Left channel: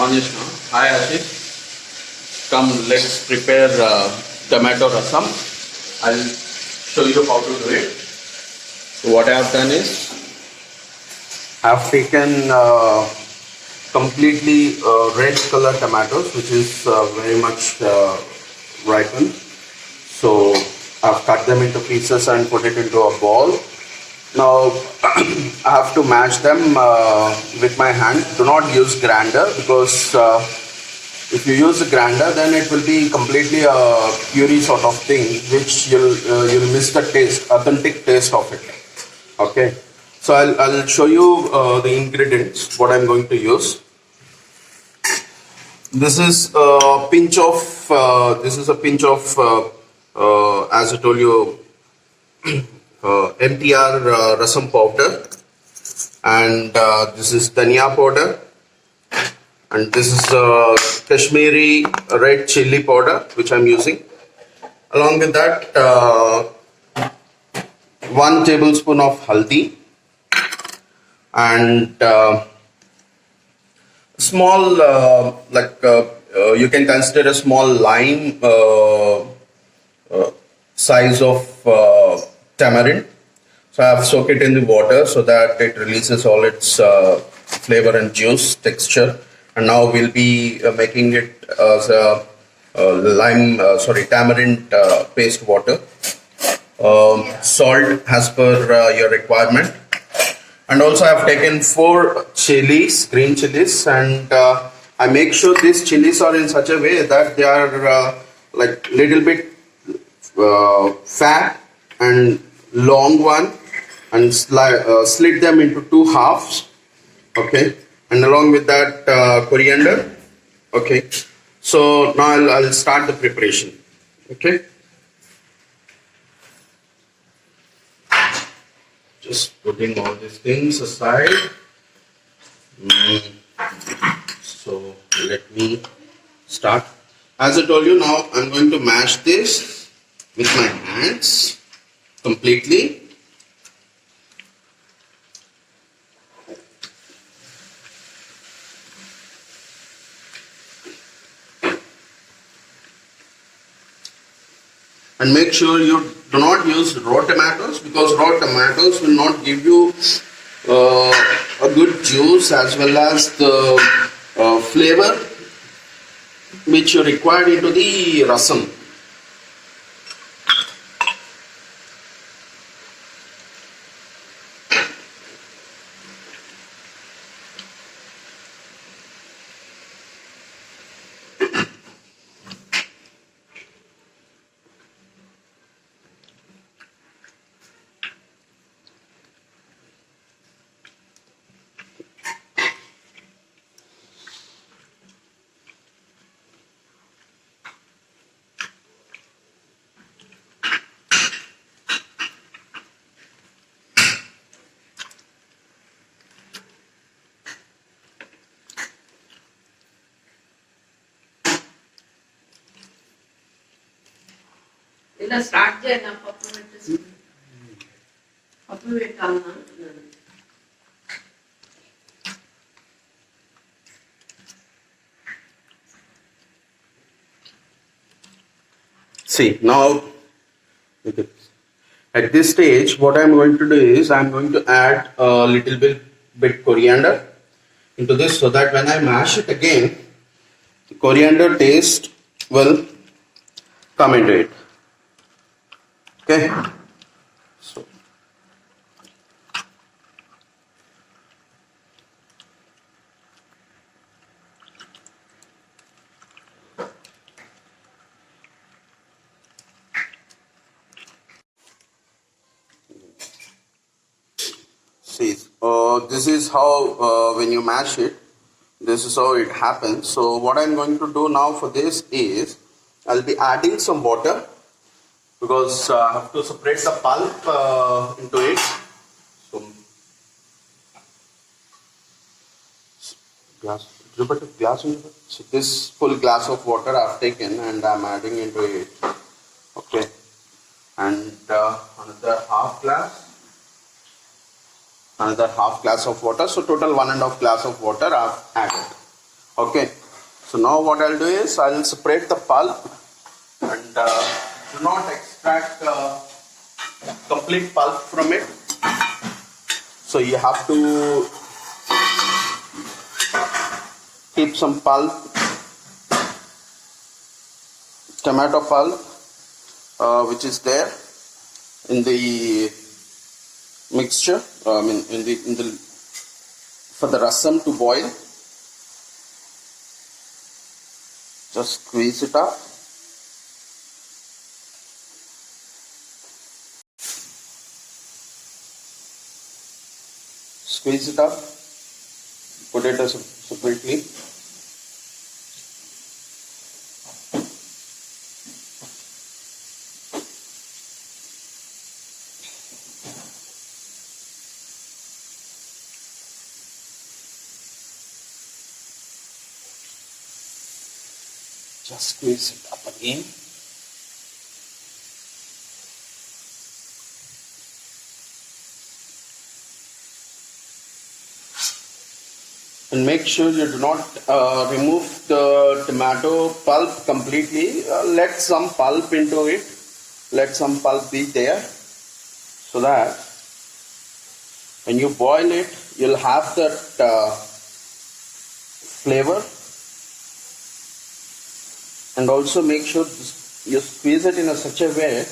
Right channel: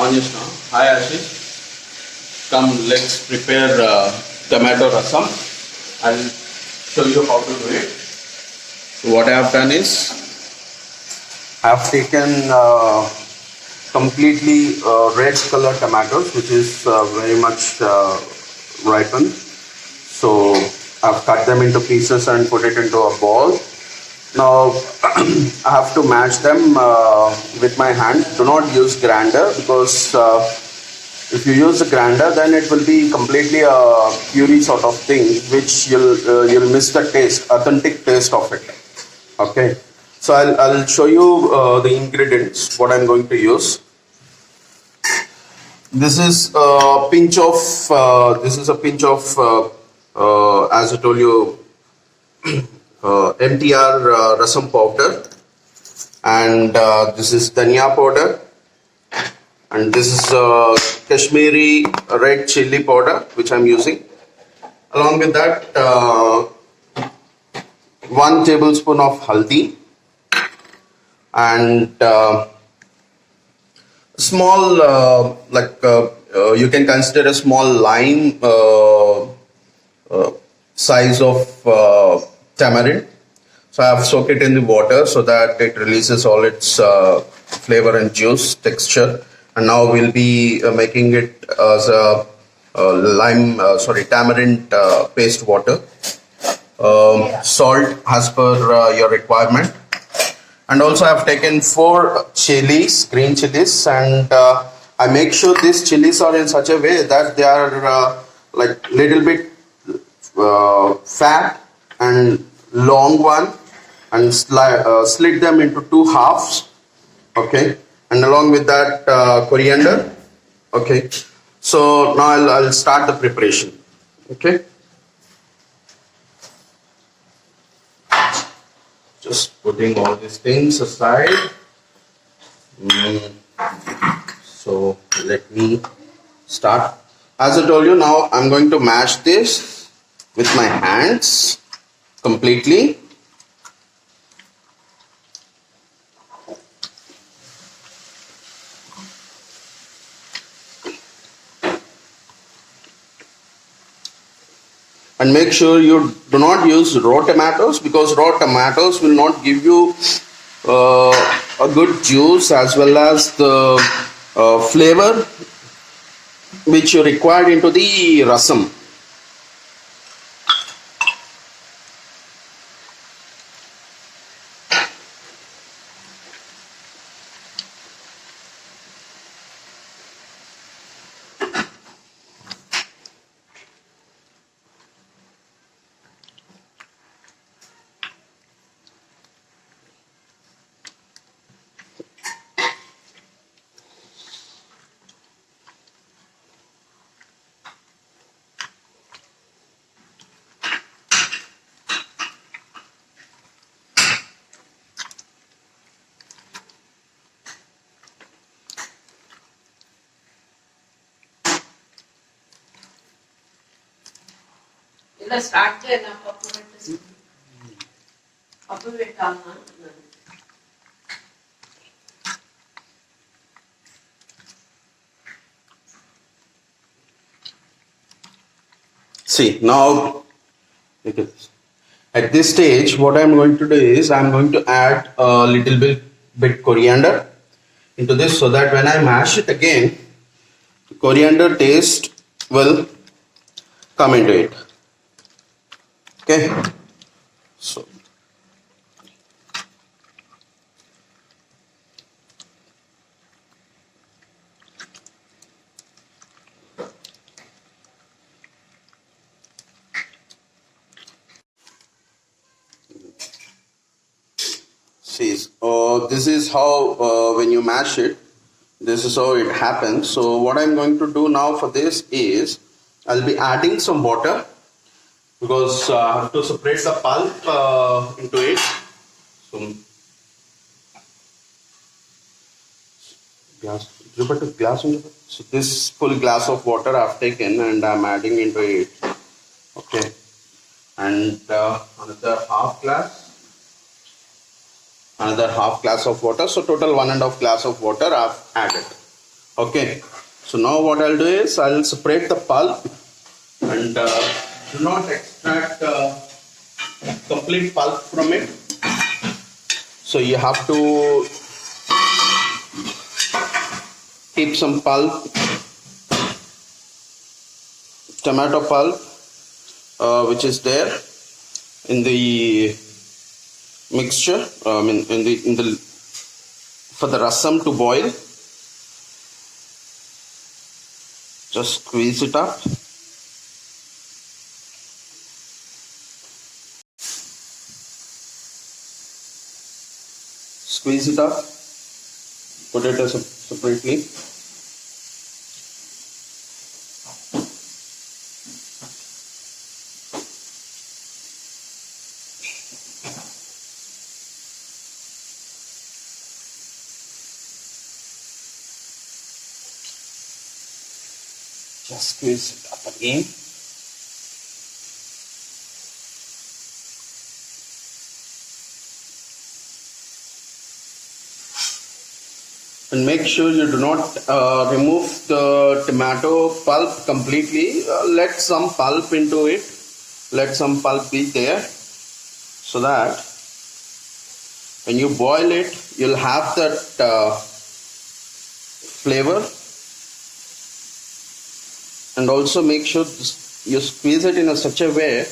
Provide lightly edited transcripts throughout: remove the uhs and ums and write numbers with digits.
onions now. Hi Ashish. Come, let's prepare tomato rasam. I'll show you how to do it. So what I have done is I have taken completely red color tomatoes, which is very much ripened. So I've cut them into pieces and put it into a ball. Now I have to mash them with my hand. Do not use grinder, because if you use a grinder, then it will be completely a puree sort of thing, which you'll miss the taste, authentic taste of it. Okay, so I'll show you the ingredients what I'm going to use. This is a pinch of as I told you, MTR rasam powder, and this is dhania powder, and this is Kashmiri red chili powder which I'm using. Along with that, 1 tablespoon of haldi, and small you can consider a small lime size of tamarind. So I have soaked it in the water so that it releases all its flavor and juice texture. And now we'll be making it as a tamarind paste water. Salt as per your requirement. And also I have taken 4 chilies, green chilies, and I make sure these chilies are in such a way that they are like little bit fat and long one, and slit them into 2 halves. Okay, and along with that coriander. Okay, so now I'll start the preparation. Okay, just putting all these things aside. So let me start. As I told you, now I'm going to mash this with my hands completely. And make sure you do not use raw tomatoes, because raw tomatoes will not give you a good juice as well as the flavor which you required into the rasam. ఇలా start చేయనా పప్పు పెట్టేసి పప్పు పెట్టాలన్నా. See, now at this stage what I'm going to do is I'm going to add a little bit coriander into this, so that when I mash it again, the coriander taste will come into it. Okay, so see, this is how when you mash it, this is how it happens. So what I'm going to do now for this is I'll be adding some water, because I have to separate the pulp into it. So, so this full glass of water I've taken and I'm adding into it. Okay, and another half glass of water. So total 1.5 glass of water I've added. Okay, so now what I'll do is I'll separate the pulp and do not extract complete pulp from it. So you have to keep some pulp, tomato pulp, which is there in the mixture. In the for the rasam to boil. Just squeeze it up. Squeeze it up. Put it as separately. Just squeeze it up again. And make sure you do not remove the tomato pulp completely. Let some pulp into it. Let some pulp be there, so that when you boil it, you'll have that flavor. And also make sure you squeeze it in such a way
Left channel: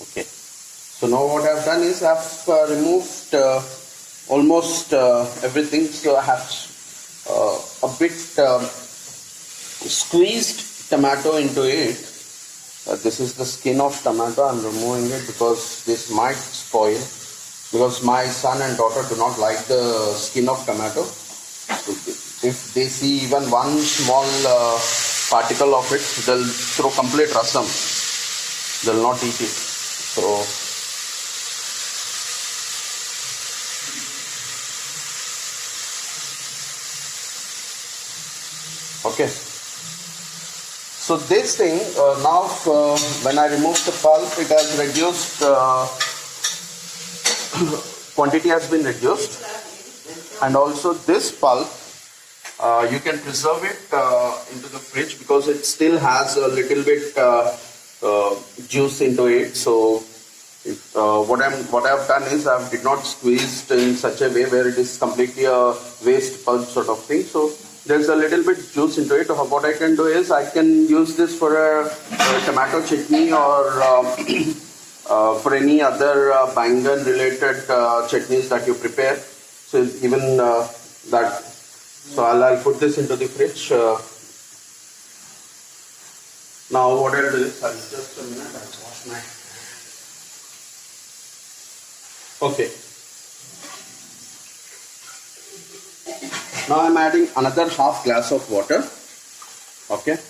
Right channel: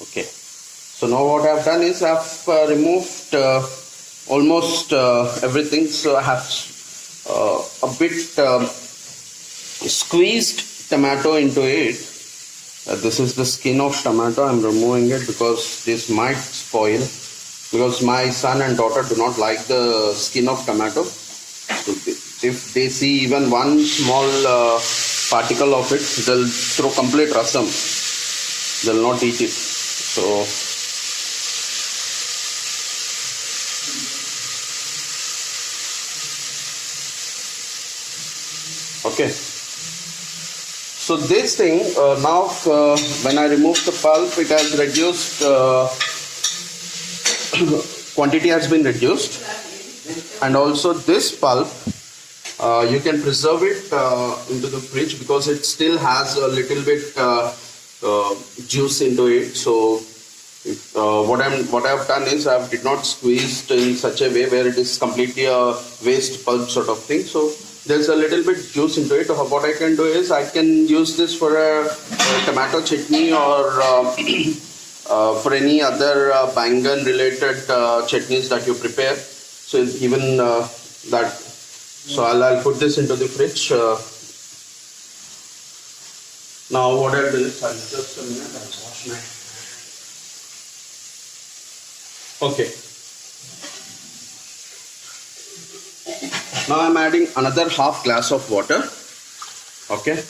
okay. So now what I've done is I've removed almost everything. So I have a bit squeezed tomato into it. This is the skin of tomato. I'm removing it because this might spoil. Because my son and daughter do not like the skin of tomato. So if they see even one small particle of it, they'll throw complete rasam. They'll not eat it. So okay. So this thing now when I remove the pulp, it has reduced. Quantity has been reduced, and also this pulp you can preserve it into the fridge because it still has a little bit juice into it. So what I've done is I did not squeeze in such a way where it is completely a waste pulp sort of thing. So there's a little bit juice into it. What I can do is I can use this for a tomato chutney or for any other bangan related chutneys that you prepare. So even that. So I'll put this into the fridge. Now what I'll do is just a minute. I'll wash my hand. Okay. Now I'm adding another half glass of water. Okay.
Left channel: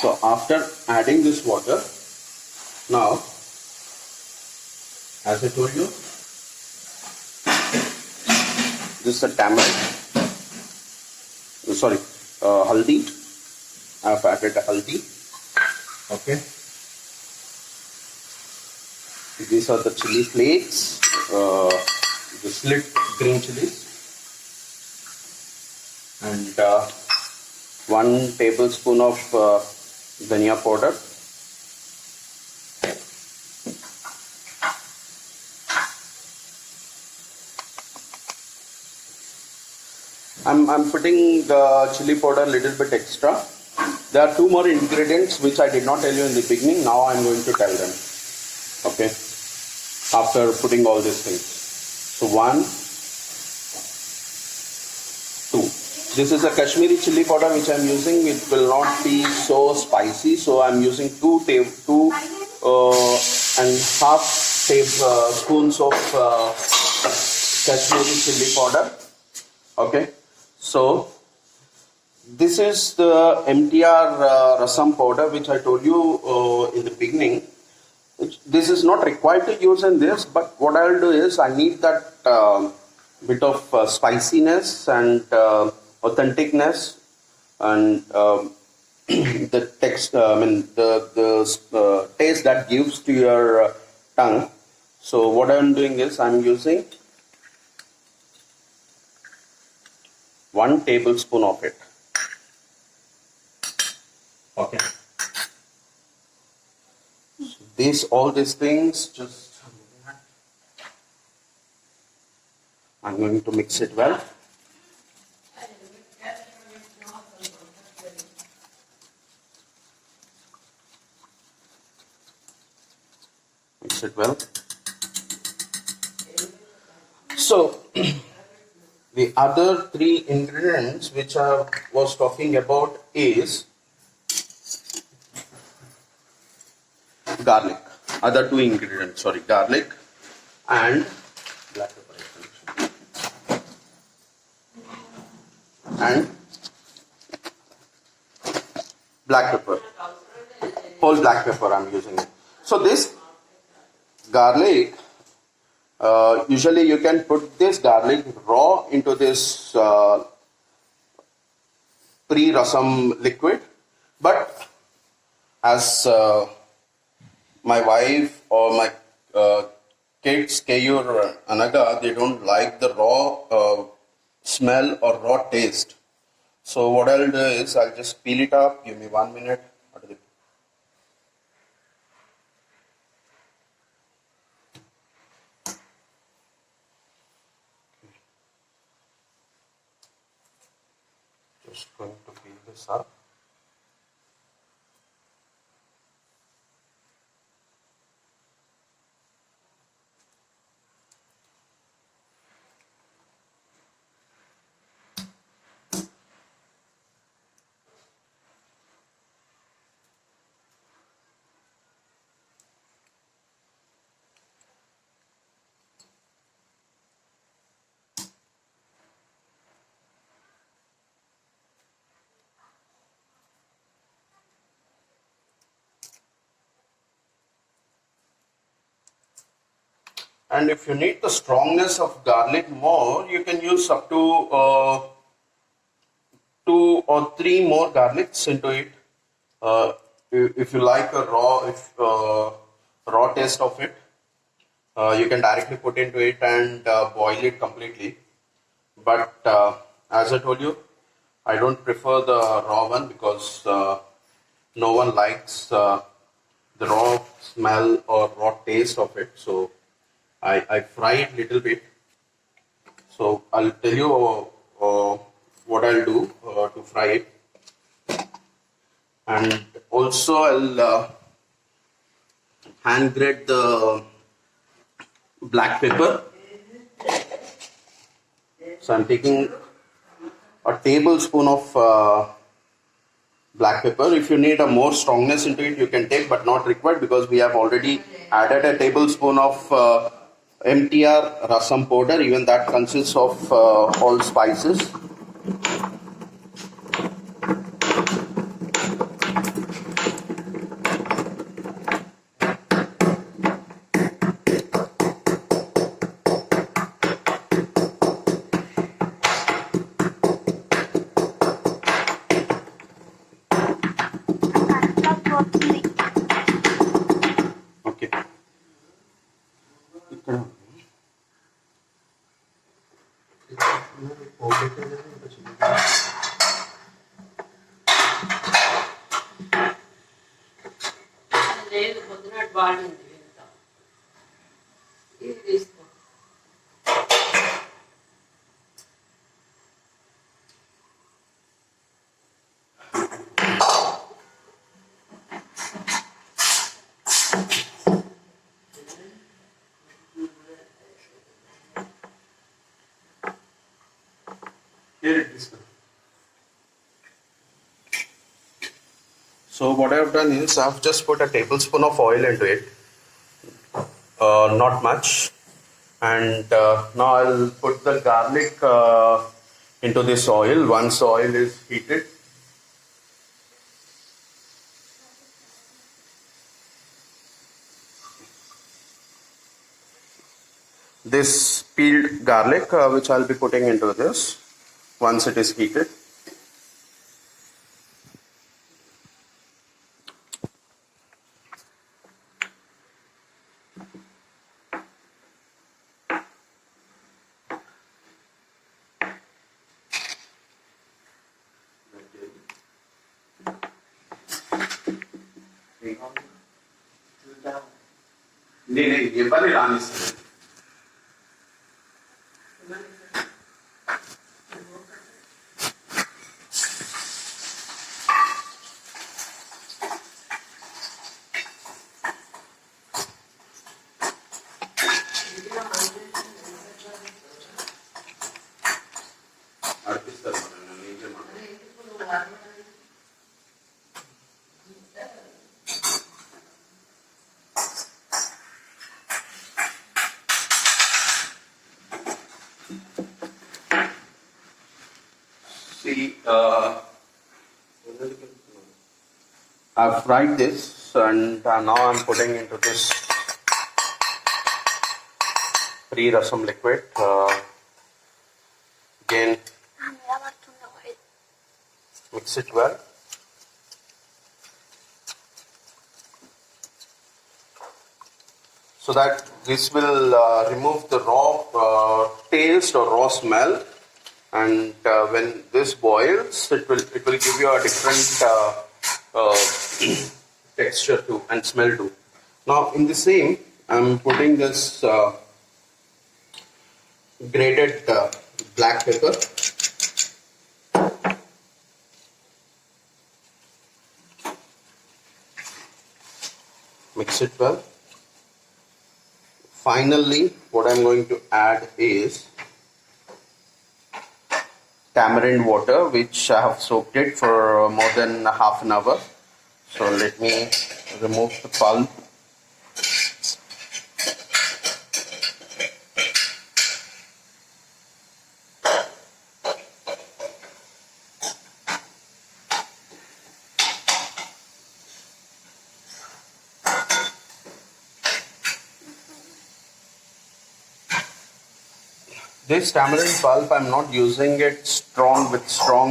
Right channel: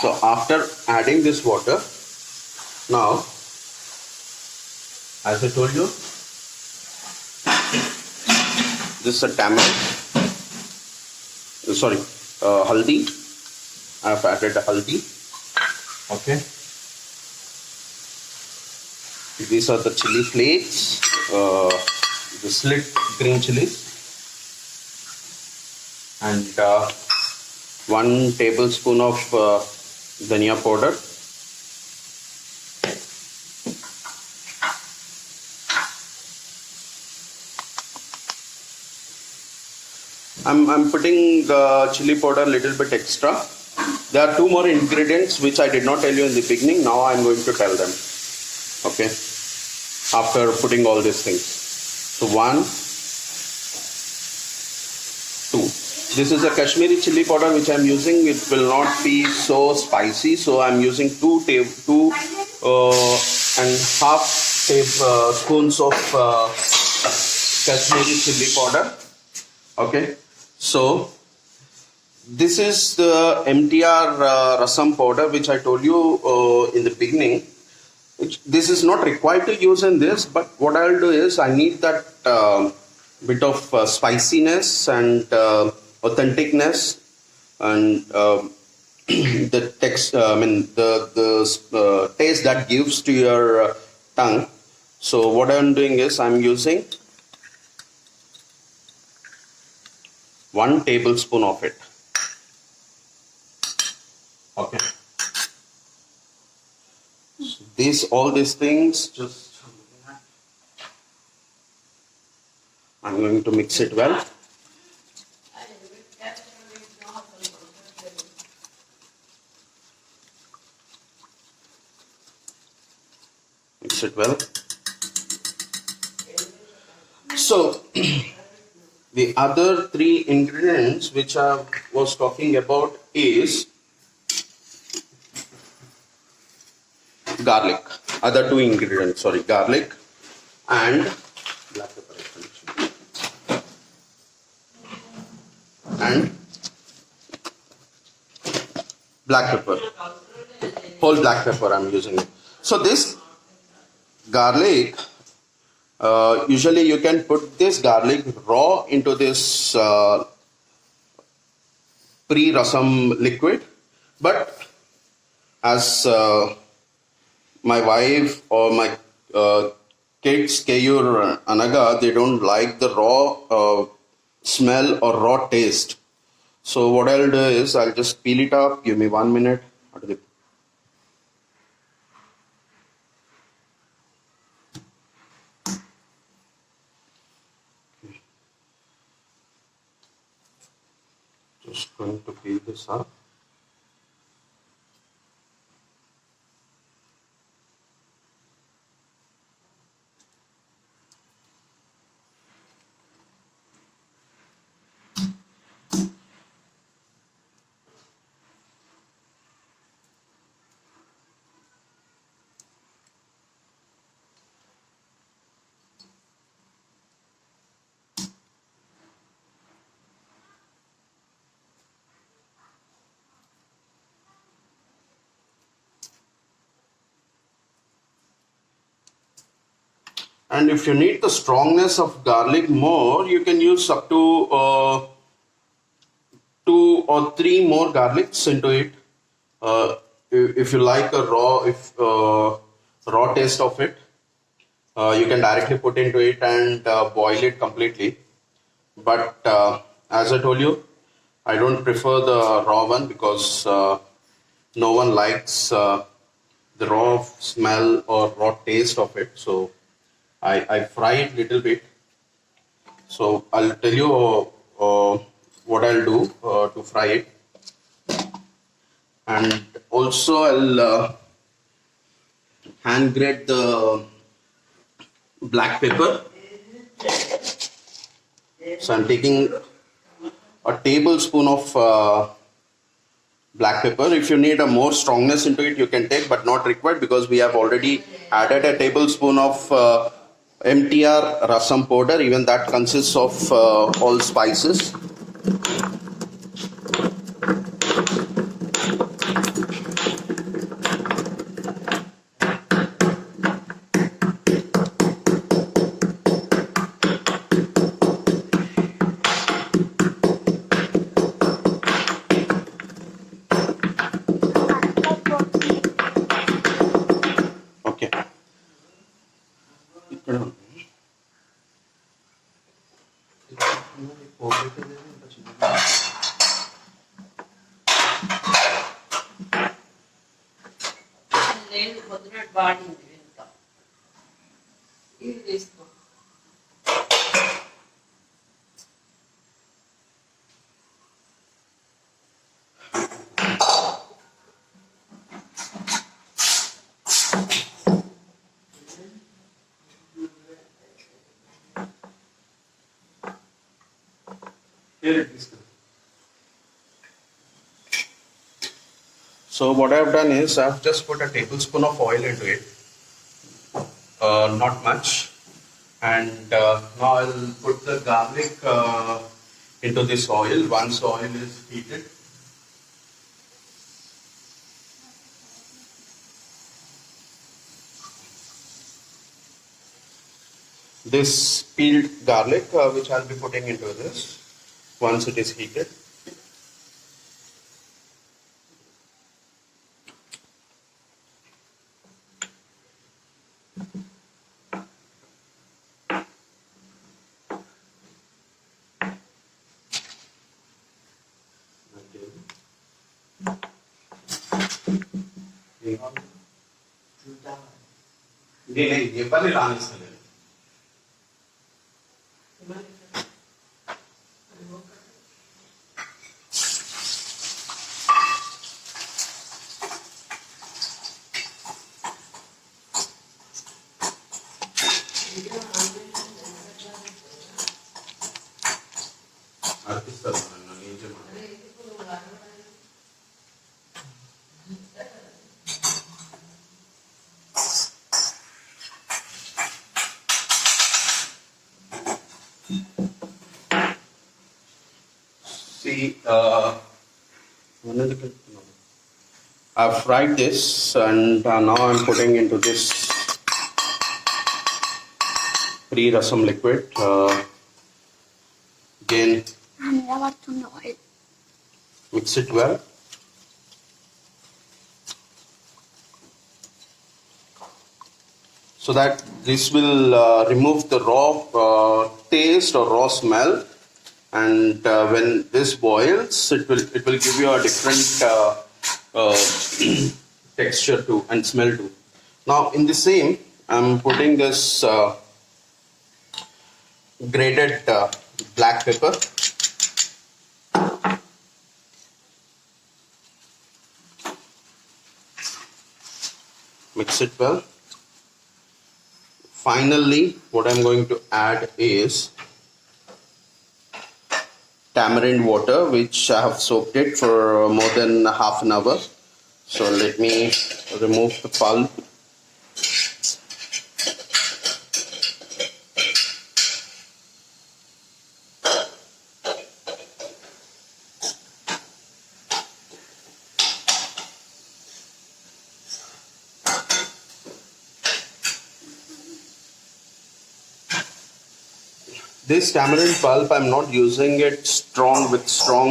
So after adding this water, now, as I told you, this is a tamarind. Sorry, haldi. I have added a haldi. Okay. These are the chili flakes, the slit green chilies, and 1 tablespoon of dhania powder. I'm putting the chili powder a little bit extra. There are 2 more ingredients which I did not tell you in the beginning. Now I'm going to tell them. Okay. After putting all these things. So 1, 2. This is a Kashmiri chili powder which I'm using. It will not be so spicy. So I'm using 2 and half spoons of Kashmiri chili powder. Okay. So this is the MTR rasam powder which I told you in the beginning. This is not required to use in this, but what I'll do is I need that bit of spiciness and authenticness and the taste that gives to your tongue. So what I'm doing is I'm using 1 tablespoon of it. Okay. So all these things, just I'm going to mix it well. Mix it well. So the other 3 ingredients which I was talking about is garlic. Other 2 ingredients, sorry, garlic and black pepper. And black pepper. Whole black pepper I'm using it. So this garlic, usually you can put this garlic raw into this pre-rasam liquid, but as my wife or my kids, Kayur Anaga, they don't like the raw smell or raw taste. So what I'll do is I'll just peel it up. Give me 1 minute. Just going to peel this up. And if you need the strongness of garlic more, you can use up to 2 or 3 more garlics into it. If you like a raw taste of it, you can directly put into it and boil it completely. But as I told you, I don't prefer the raw one because no one likes the raw smell or raw taste of it. So I fry it little bit. So I'll tell you what I'll do to fry it. And also I'll hand grate the black pepper. So I'm taking a tablespoon of black pepper. If you need a more strongness into it, you can take, but not required because we have already added a tablespoon of MTR rasam powder. Even that consists of all spices. Okay. లేదు పొద్దునట్టు బాగుంది ఇంత ఇది తీసుకో So what I've done is I've just put a tablespoon of oil into it, not much, and now I'll put the garlic into this oil. Once the oil is heated, this peeled garlic which I'll be putting into this once it is heated. నేనే ఎవరిని రానిస్తాను. అర్పిస్తారు నన్ను ఏం చేయమంటారు. See, I've fried this and now I'm putting into this pre-rasam liquid. Again, mix it well. So that this will remove the raw taste or raw smell, and when this boils, it will give you a different texture too and smell too. Now in the same, I'm putting this grated black pepper. Mix it well. Finally, what I'm going to add is tamarind water, which I have soaked it for more than half an hour. So let me remove the pulp. This tamarind pulp, I'm not using it strong with strong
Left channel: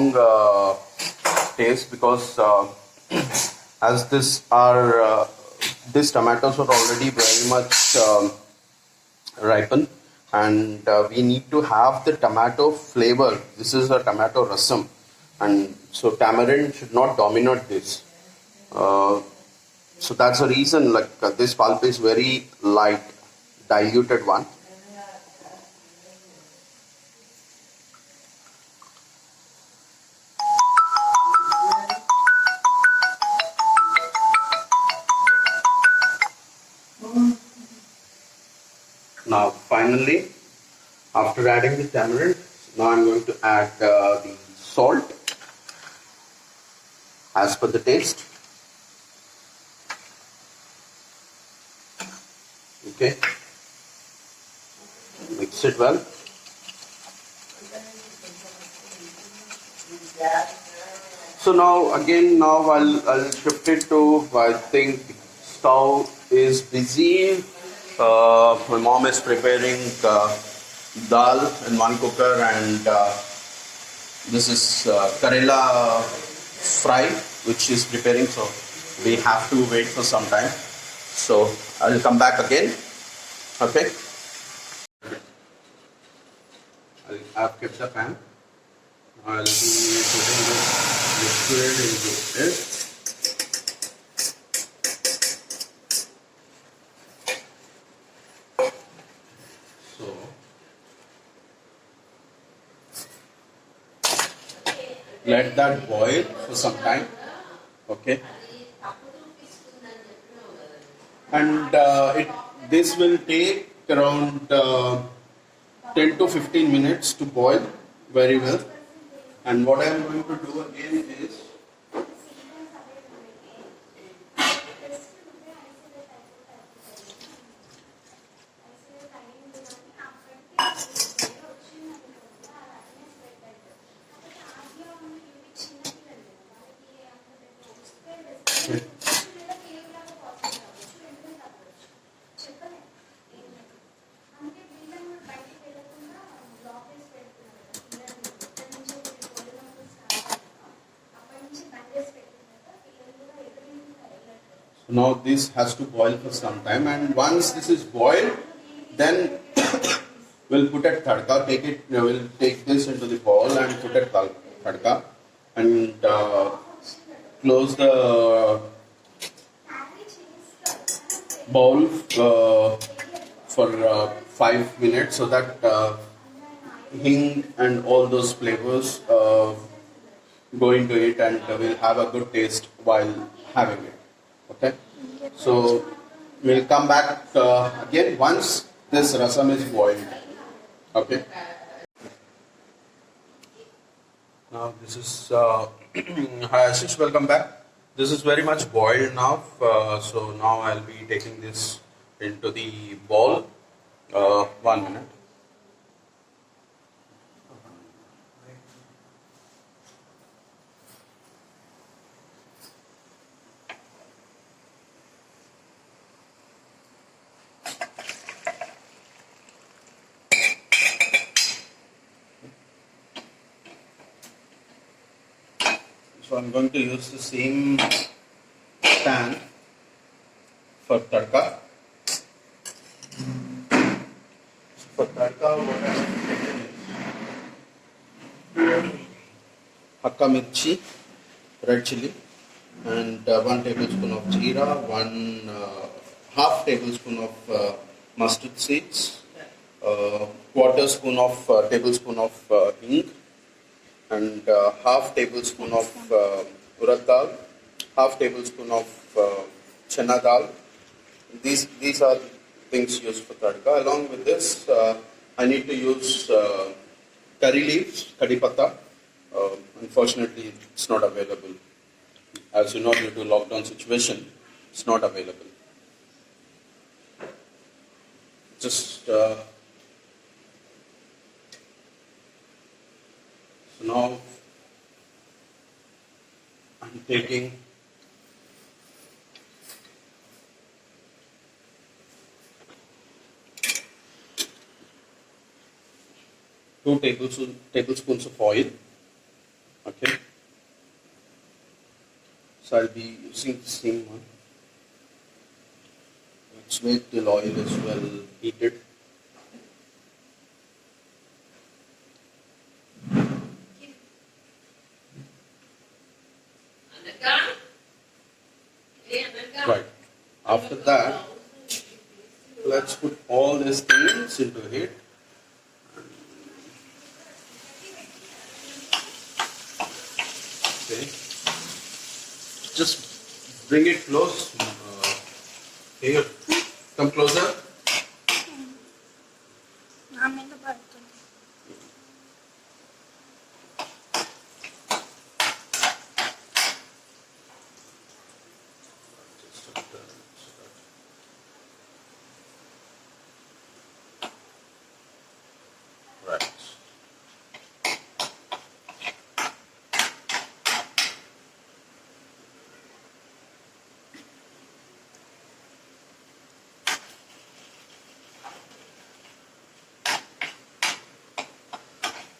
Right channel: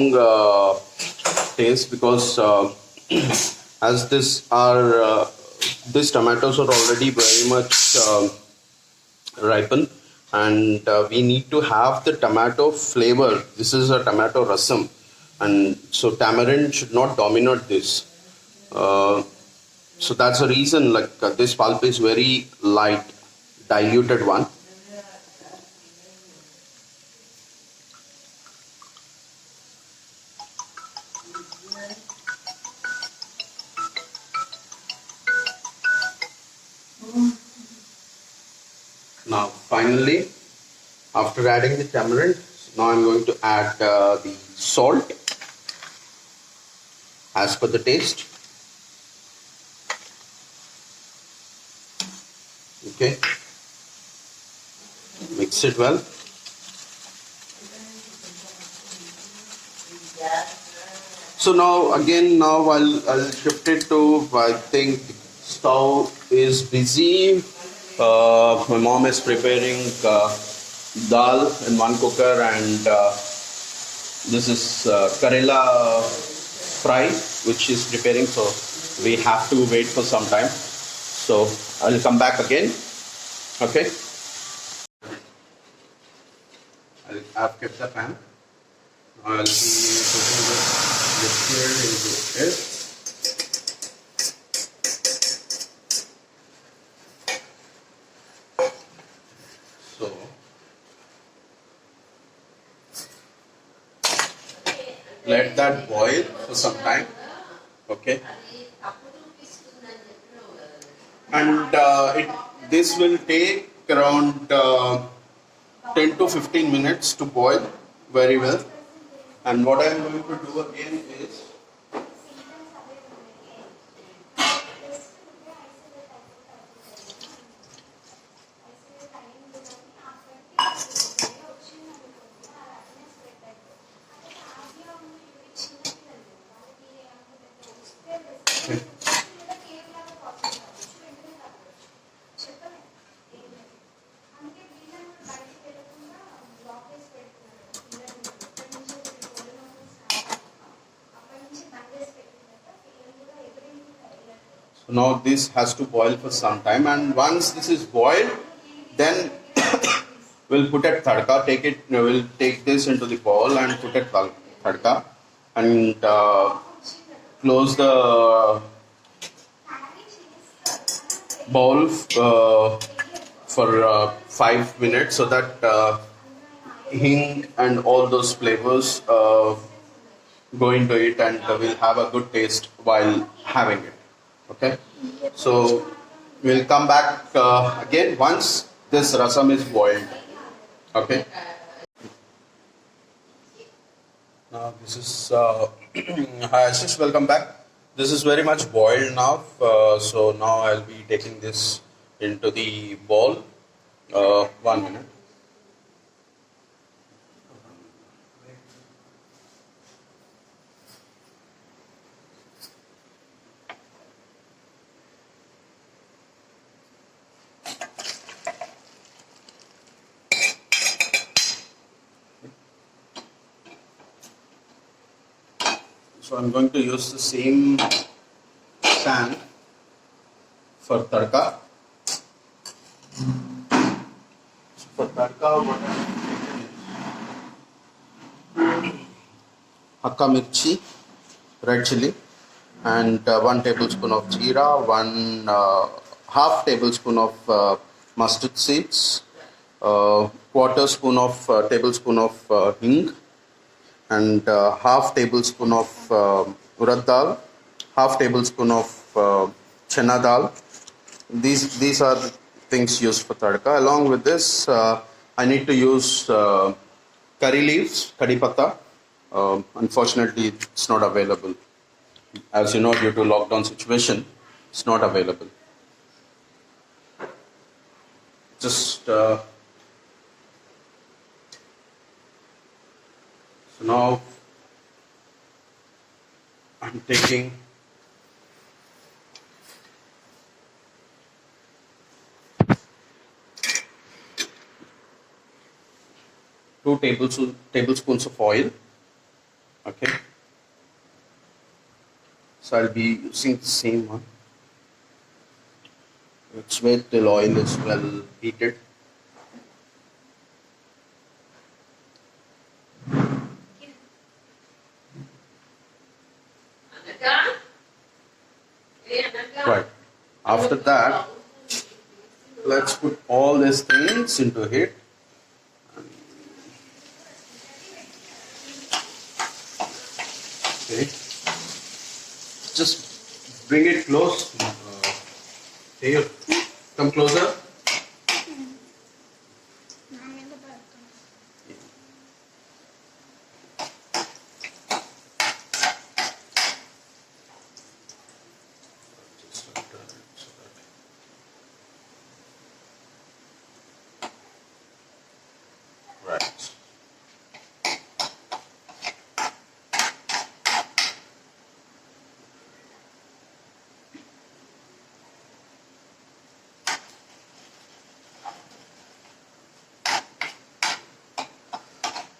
taste because as these tomatoes are already very much ripened, and we need to have the tomato flavor. This is a tomato rasam, and so tamarind should not dominate this. So that's the reason this pulp is very light, diluted one. Now finally, after adding the tamarind, now I'm going to add the salt as per the taste. Okay, mix it well. So now again, I'll shift it to, I think stove is busy. My mom is preparing dal in one cooker, and this is Karela fry which she's preparing, so we have to wait for some time. So I'll come back again. Okay. I've kept the pan. I'll be putting the liquid into it. So let that boil for some time. Okay. And this will take around 10 to 15 minutes to boil very well. And what I am going to do again is now this has to boil for some time, and once this is boiled, then we'll put it tadka. We'll take this into the bowl and put it tadka, and close the bowl for 5 minutes so that hing and all those flavors go into it, and we'll have a good taste while having it. Okay, so we'll come back again once this rasam is boiled. Okay, now this is hi Ashish, welcome back. This is very much boiled now, so now I'll be taking this into the bowl. 1 minute. So I'm going to use the same pan for tadka. So for tadka, what I have taken is hakka mirchi, red chili, and 1 tablespoon of jeera, half tablespoon of mustard seeds, quarter spoon of tablespoon of hing, and half tablespoon of urad dal, half tablespoon of chana dal. These are the things used for tadka. Along with this, I need to use curry leaves, kari patta. Unfortunately, it's not available. As you know, due to lockdown situation, it's not available. Just so now I'm taking two tablespoons of oil. Okay, so I'll be using the same one. Let's wait till oil is well heated. Right. After that, let's put all these things into it. Okay. Just bring it close. Here, come closer. Right.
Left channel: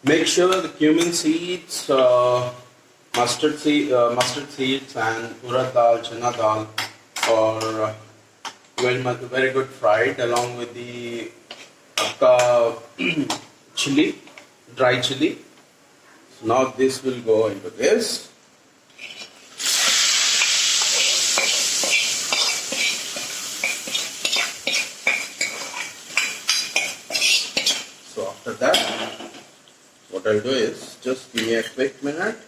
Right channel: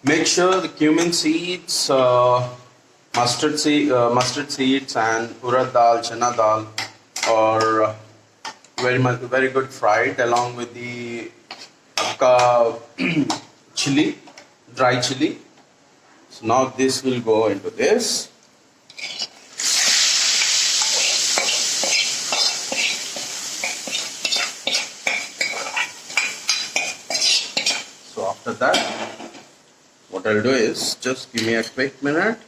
Make sure the cumin seeds, mustard seeds, and urad dal, chana dal are very good fried, along with the chili, dry chili. So now this will go into this. So after that, what I'll do is just give me a quick minute.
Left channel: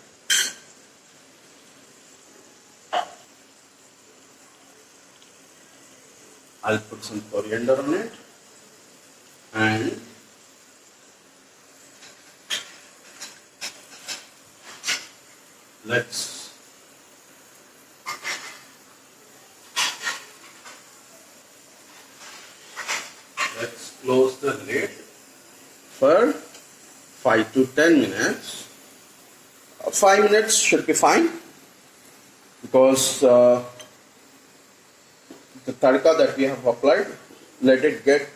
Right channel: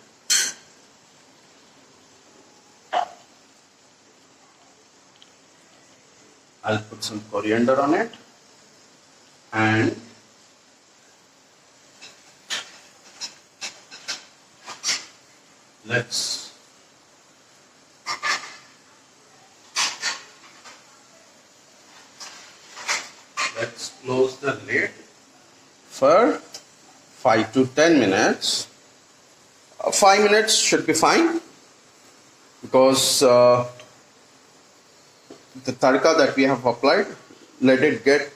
I'll put some coriander on it, and let's close the lid for 5 to 10 minutes. 5 minutes should be fine, because the tadka that we have applied, let it get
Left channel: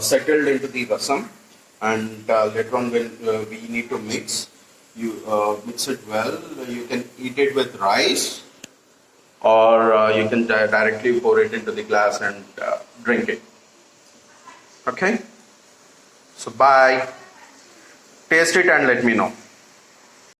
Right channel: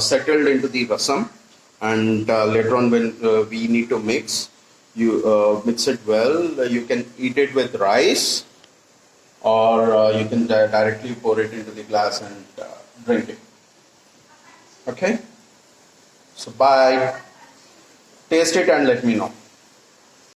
settled into the rasam, and later on when we need to mix, you mix it well. You can eat it with rice, or you can directly pour it into the glass and drink it. Okay, so bye. Taste it and let me know.